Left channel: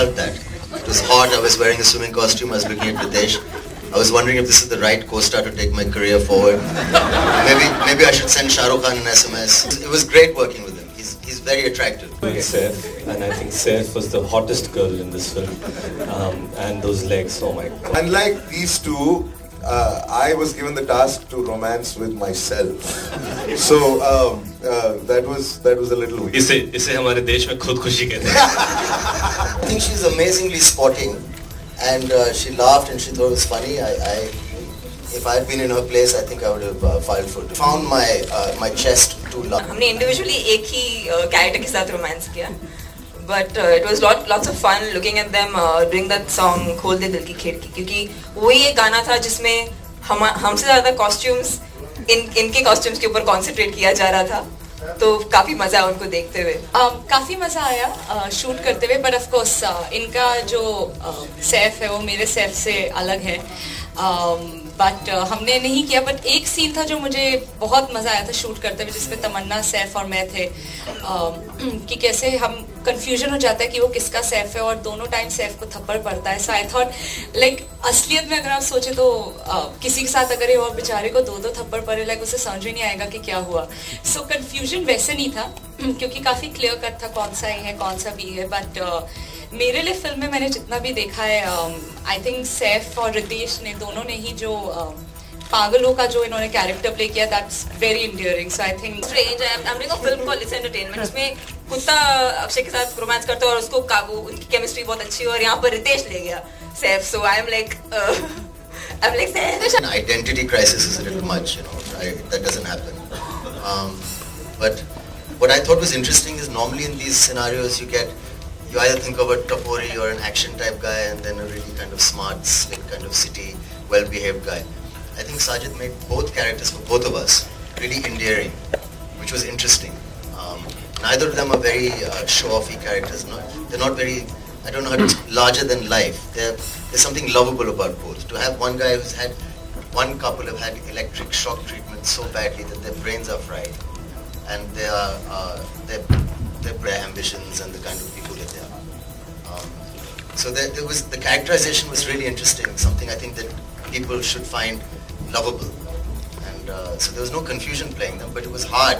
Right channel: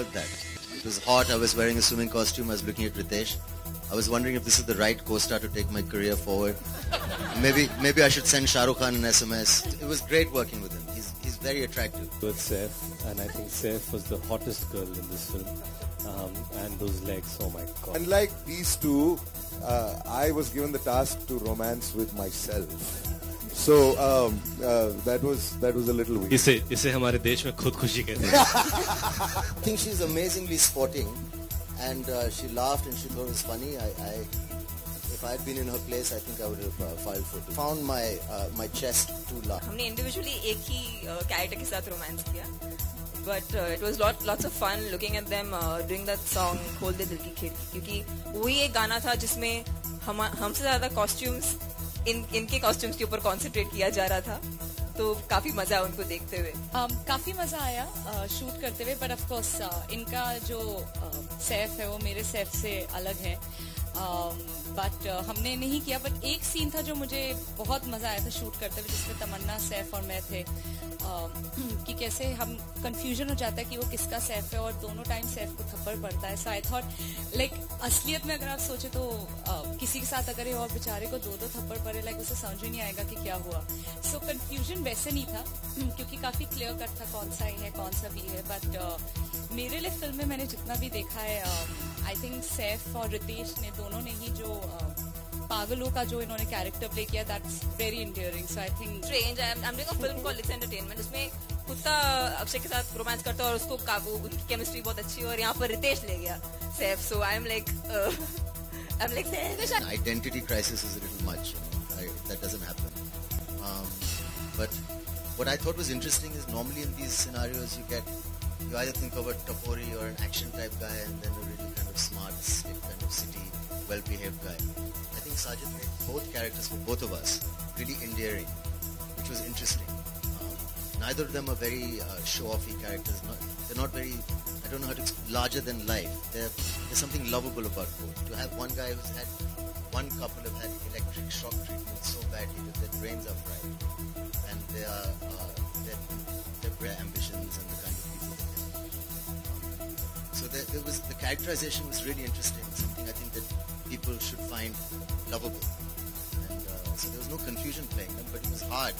felt that. It was hot, I was wearing a swimming costume, I was looking at Videsh. I was wondering if this is the right co-star to take my career forward. Maybe I should send Shah Rukh Khan an SMS. It was great working with him. He's very attractive. Saif, and I think Saif was the hottest girl in this film. And those legs, oh my God. Unlike these two, I was given the task to romance with myself. So that was a little weird. इसे हमारे देश में खुदकुशी कहते हैं. I think she's amazingly sporting, and she laughed and she thought it was funny. If I had been in her place, I think I would have filed for it. Found my chest too large. हमने individually एक ही character के साथ romance किया, but it was lots of fun looking at them doing that song खोल दे दिल की खिड़की, क्योंकि वही एक गाना था जिसमें हमसे ज़्यादा costumes इनके costumes के ऊपर concentrate किया जा रहा था. तो काफी मजा आया उनको देखते हुए. काफी मजा आया शूट करते हुए, बट ऑफ कोर्स इनका जो सैफ है वो मेरे सैफ से अलग है. बट हमने नहीं किया, बट एक सीन था जो मुझे बहुत मजा आया था शूट करते हुए, जिसमें तमन्ना, सैफ और मैं थे. कि कैसे हम कंफ्यूजन हो जाता है कि वो किसका सैफ है, और दोनों टाइम सैफ को थप्पड़ पड़ता है. सो आई थॉट लाइक असलियत में अगर आप सोचे तो किसी के साथ अगर वो बेचारे को दो थप्पड़ पड़े, लाइक उसे समझ ही नहीं आएगा कि क्या हुआ. सो कंफ्यूजन वैसे नहीं था, क्योंकि काफी क्लियर कट था कौन सा ही है कौन सा भी है. बट मेरे लिए फिल्म में मैंने जितना भी देखा है, आई थिंक सैफ और रितेश ने दोनों ने ही जो पागलों का जो इन्होंने कैरेक्टर प्ले किया, that's very endearing. So I think strange I am making a film called its entertainment, इसमें कुत्ता अक्षय के साथ रोमांस करता है और उसको काबू, उनकी केमिस्ट्री बहुत अच्छी है, और यहाँ पर रितेश ले गया Saif. So I am like Identity crisis is a little much, you know. That doesn't happen. But what I thought was interesting is normally in these scenarios you either think of a Topori or an action type guy, and then a really kind of smart, slick kind of city, well-behaved guy. I think Sajid made both characters for both of us really endearing, which was interesting. Neither of them are very show-offy characters. They're not very, I don't know how to say, larger than life. There's something lovable about both. To have one guy who's had, one couple have had electric shock treatment so badly that their brains are fried, and their ambitions and the kind of people that they are. So the characterization was really interesting. Something I think that people should find lovable. And so there was no confusion playing them, but it was hard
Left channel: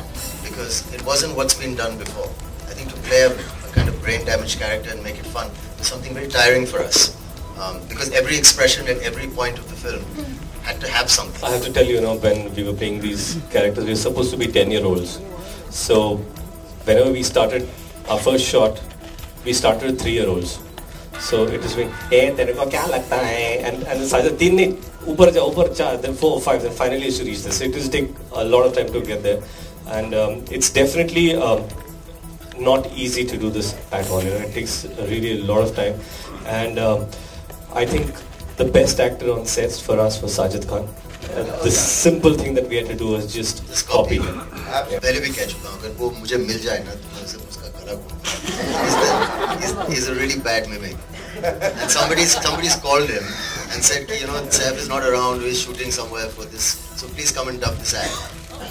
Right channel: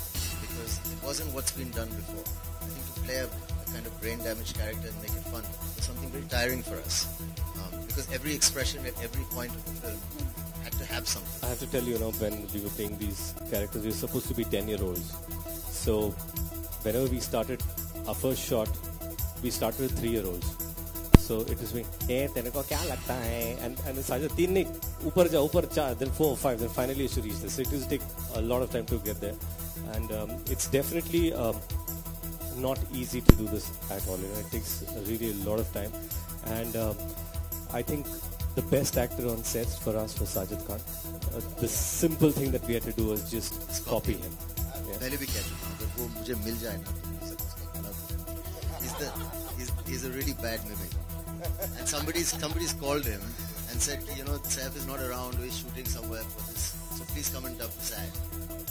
because it wasn't what's been done before. I think to play a kind of brain damaged character and make it fun was something very tiring for us. Because every expression at every point of the film had to have something. I have to tell you, when we were playing these characters, we were supposed to be 10-year-olds. So whenever we started our first shot, we started with 3-year-olds. So it was like, hey, तेरे को क्या लगता है? And Sajid, 3 नहीं, ऊपर जा, then 4 or 5, then finally used to reach this. It will take a lot of time to get there. And it's definitely not easy to do this at all. It takes really a lot of time. And I think the best actor on sets for us was Sajid Khan. The simple thing that we had to do was just copy him. पहले भी कह चुका हूँ, अगर वो मुझे मिल जाए ना, तो मैं उसका गला he's a really bad mimic. And somebody's called him and said, Saif is not around, he's shooting somewhere for this, so please come and dub this act.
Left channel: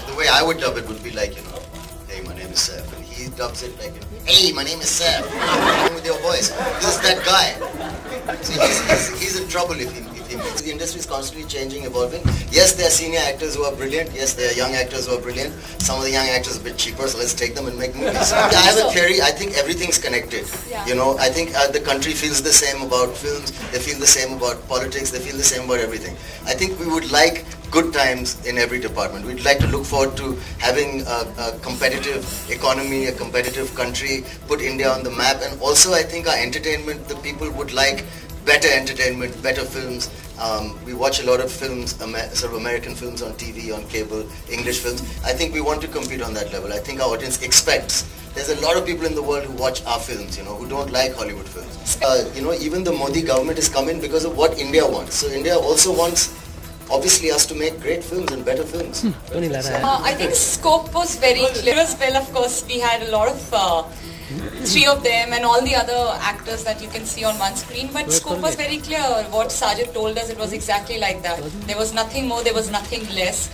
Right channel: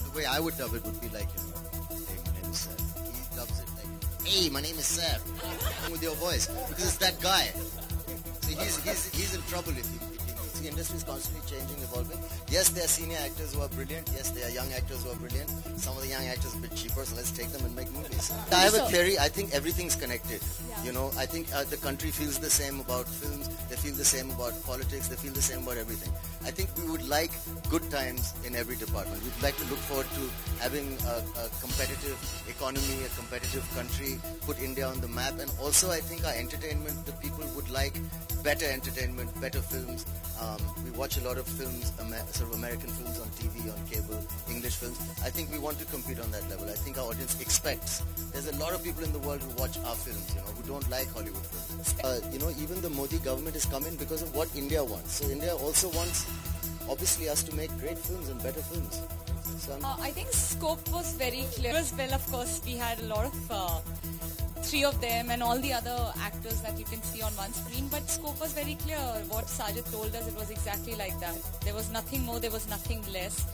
The way I would dub it would be like, hey, my name is Saif, and he dubs it like, hey, my name is Saif, with your voice. This is that guy. So he's in trouble if he makes. The industry is constantly changing, evolving. Yes, there are senior actors who are brilliant. Yes, there are young actors who are brilliant. Some of the young actors are a bit cheaper, so let's take them and make movies. I have a theory. I think everything's connected. Yeah. I think the country feels the same about films. They feel the same about politics. They feel the same about everything. I think we would like good times in every department. We'd like to look forward to having a competitive economy, a competitive country, put India on the map. And also I think our entertainment, the people would like better entertainment, better films. We watch a lot of films, sort of American films on TV, on cable, English films. I think we want to compete on that level. I think our audience expects. There's a lot of people in the world who watch our films, who don't like Hollywood films. Even the Modi government has come in because of what India wants. So India also wants, obviously, us to make great films and better films. I think scope was very clear as well. Of course, we had a lot of 3 of them and all the other actors that you can see on one screen, but scope was very clear. What Sajid told us, it was exactly like that. There was nothing more, there was nothing less.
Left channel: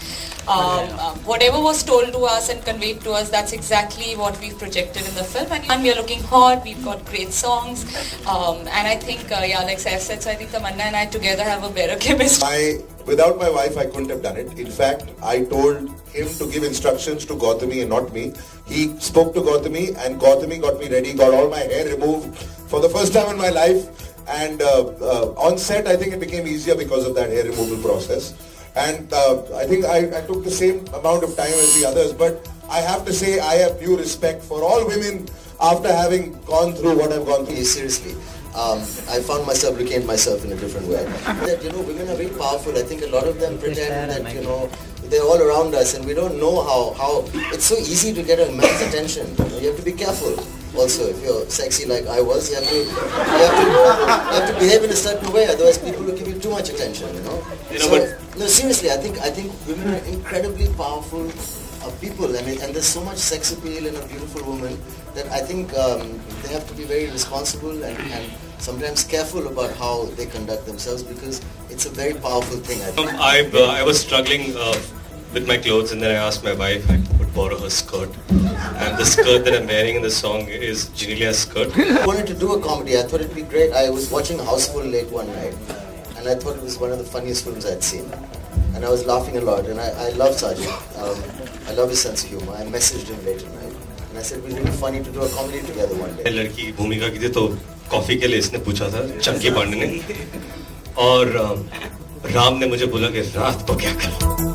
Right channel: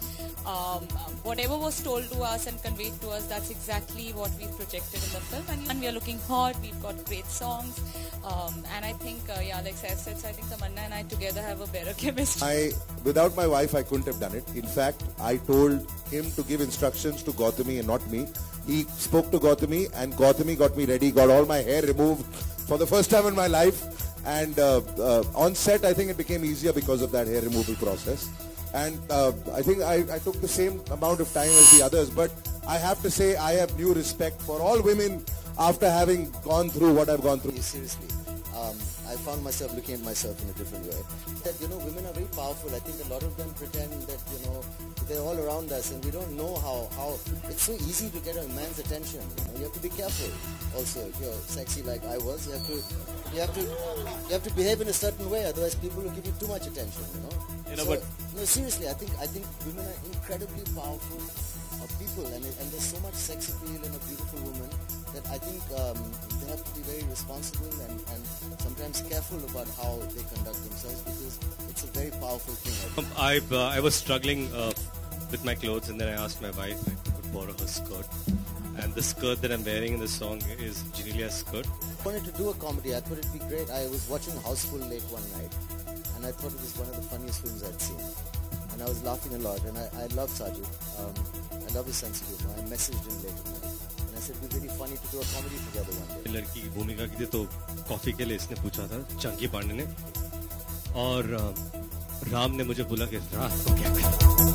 Whatever was told to us and conveyed to us, that's exactly what we've projected in the film. And we are looking hot, we've got great songs. And I think, like Saif said, so I think Tamanna and I together have a better chemistry. Without my wife, I couldn't have done it. In fact, I told him to give instructions to Gautami and not me. He spoke to Gautami and Gautami got me ready, got all my hair removed for the first time in my life. And on set, I think it became easier because of that hair removal process. And I think I took the same amount of time as the others, but I have to say I have due respect for all women after having gone through what I've gone through. Seriously, I found myself looking at myself in a different way. That, women are very powerful. I think a lot of them pretend that, they're all around us and we don't know how it's so easy to get a man's attention. You have to be careful. Also, if you're sexy like I was, you have to behave in a certain way, otherwise people will give you too much attention, No, seriously, I think women are incredibly powerful people, and there's so much sex appeal in a beautiful woman that I think they have to be very responsible and sometimes careful about how they conduct themselves, because it's a very powerful thing. I was struggling with my clothes, and then I asked my wife if I could borrow her skirt. And the skirt that I'm wearing in the song is Genelia's skirt. I wanted to do a comedy. I thought it'd be great. I was watching Houseful late one night, and I thought it was one of the funniest films I'd seen. And I was laughing a lot, and I love Sajid. I love his sense of humor. I messaged him late at night, and I said, we'd be funny to do a comedy together one day. लड़की भूमिका की थी तो coffee के लिए इसने पूछा था, चंकी पांडे ने, और राम ने मुझे बोला कि रात को क्या करें.